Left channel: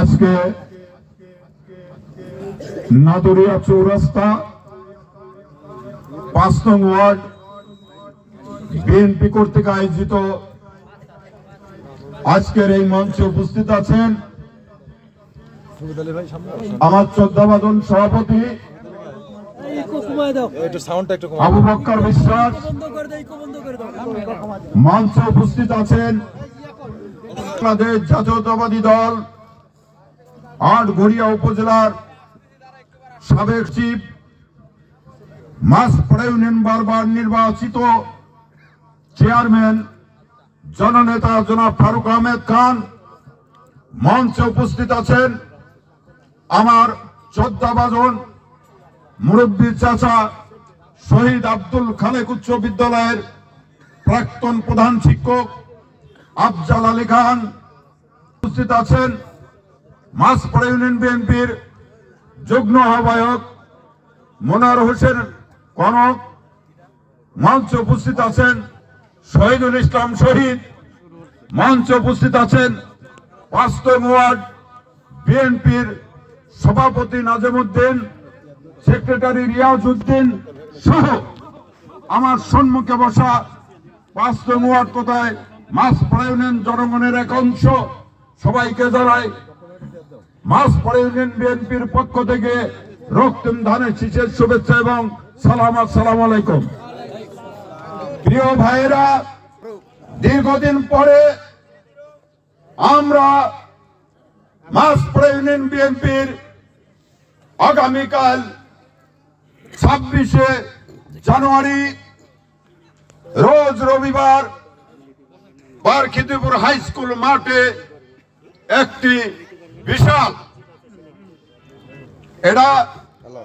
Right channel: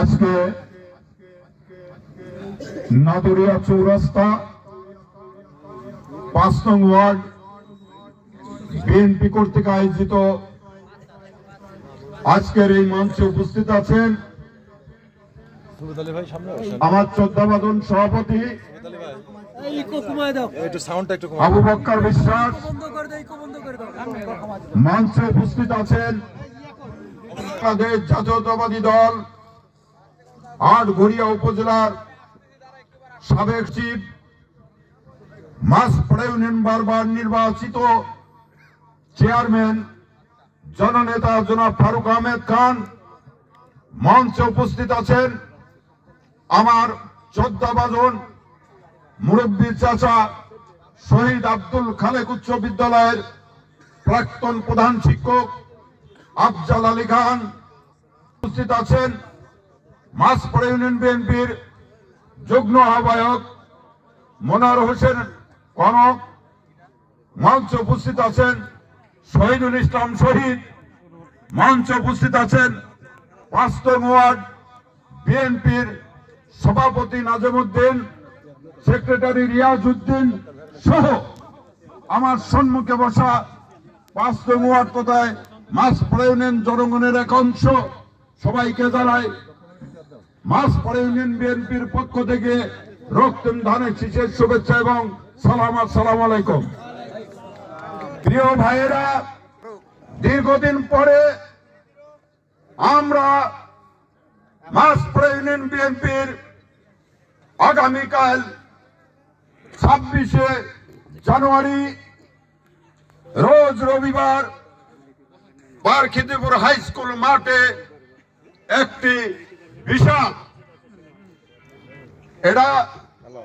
আজকে নাদুরিয়া চৌরাস্তা ৫ নং ওয়ার্ড বিএনপি কর্তৃক আয়োজিত আজকের এই মঞ্চে উপস্থিত আছেন আমার শ্রদ্ধাভাজন সভাপতি আবু বক্কর বিশ্বাস, মঞ্চে উপস্থিত আছেন বাংলাদেশ জাতীয়তাবাদী দল আটঘরিয়া উপজেলার সাবেক চিফ, মাসপাড়া ইউনিয়ন বারবার নির্বাচিত চেয়ারম্যান জননেতা জনাব ফারুক আহমেদ খান। মঞ্চে উপস্থিত আছেন আমার শ্রদ্ধাভাজন মুরব্বী চাচা শহীদ আব্দুল খালেক উচ্চ বিদ্যালয়ের প্রাক্তন প্রধান শিক্ষক আফজাল আলী খান। উপস্থিত আছেন মাসপাড়া ইউনিয়ন বিএনপির যুগ্ম আহ্বায়ক মনোয়ার হোসেন কনক। মঞ্চে উপস্থিত আছেন শহীদুল ইসলাম শহীদ। মঞ্চে উপস্থিত আছেন ৫ নং ওয়ার্ড বিএনপির সভাপতি নাজিমউদ্দিন, সেক্রেটারি রিয়াজউদ্দিন সহ আমার সম্মুখে বসা ৫ নং ওয়ার্ড কোথায় মাসপাড়া ইউনিয়ন জনগণের এক অংশ, সবাইকে জানাই মাসপাড়া ইউনিয়ন বিএনপির পক্ষ থেকে রক্তিম ধানের শীষের শুভেচ্ছা এবং সালাম। আসসালামু আলাইকুম। প্রিয় ভাইয়েরা, দীর্ঘদিন পরে আমরা মাসপাড়া ইউনিয়ন বিএনপির আগামীকাল ২৬শে জানুয়ারি রোজ রবিবার বারখিদিপুর হাই স্কুল মাঠে একটি বিশাল, এটা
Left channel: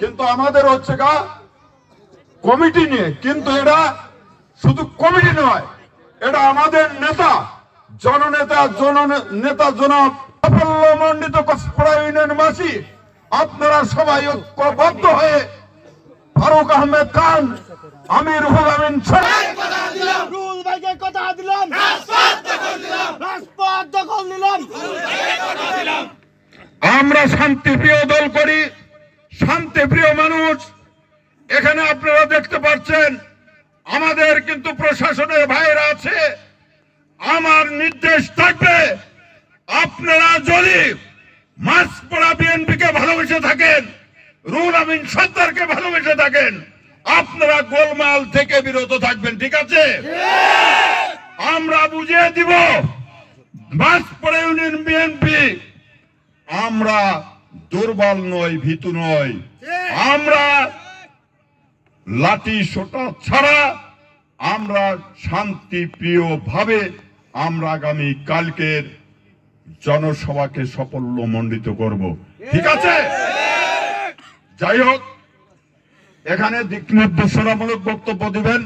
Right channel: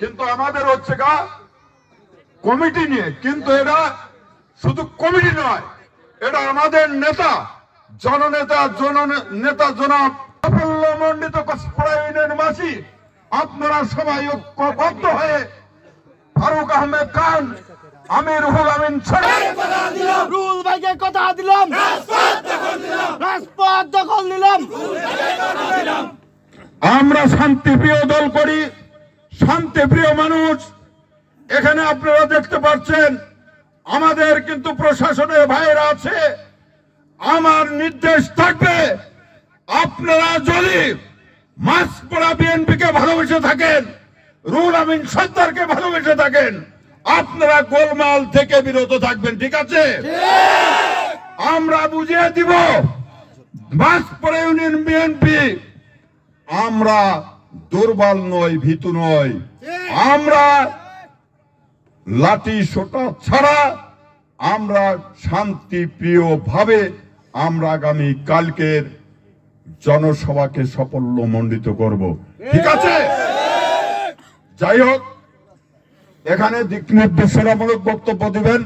কিন্তু আমাদের হচ্ছে কমিটি নিয়ে, কিন্তু এটা শুধু কমিটি নয়, এটা আমাদের নেতা জননেতা জনাব সাফল্যমণ্ডিত মাসপাড়া ইউনিয়নবাসী আপনারা সবাই ঐক্যবদ্ধ হয়ে ফারুক আহমেদ খান, আমি রুহুল আমিন রুহুল ভাইকে কথা দিলাম, রাজপথ দখল নিলাম। আমরা শান্তিপ্রিয় দল করি, শান্তিপ্রিয় মানুষ। এখানে আপনারা দেখতে পাচ্ছেন আমাদের কিন্তু প্রশাসনের ভাইয়েরা আছে। আমার নির্দেশ থাকবে, আপনারা যদি মাসপাড়া বিএনপিকে ভালোবেসে থাকেন, রুহুল আমিন সরদারকে ভালোবেসে থাকেন, আপনারা গোলমাল থেকে বিরত থাকবেন। ঠিক আছে? আমরা বুঝিয়ে দিব মাসপাড়া ইউনিয়ন বিএনপি আমরা দুর্বল নয়, ভীতু নয়। আমরা লাঠি সোটা ছাড়া আমরা শান্তিপ্রিয় ভাবে আমরা আগামী কালকের জনসভাকে সাফল্যমণ্ডিত করব। ঠিক আছে? যাই হোক, এখানে দিক নির্দেশনামূলক বক্তব্য দিবেন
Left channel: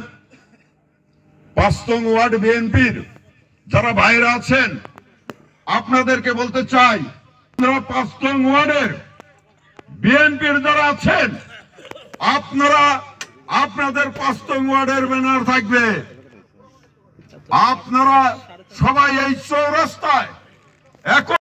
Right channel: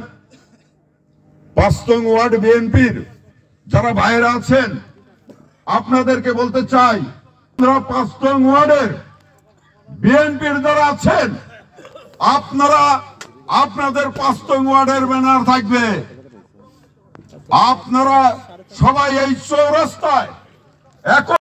৫ নং ওয়ার্ড বিএনপির যারা ভাইয়েরা আছেন। আপনাদেরকে বলতে চাই, আপনারা ৫ নং ওয়ার্ডের বিএনপির যারা আছেন, আপনারা আপনাদের ৫ নং ওয়ার্ডের ব্যানার থাকবে, আপনারা সবাই এই চৌরাস্তায় একত্রিত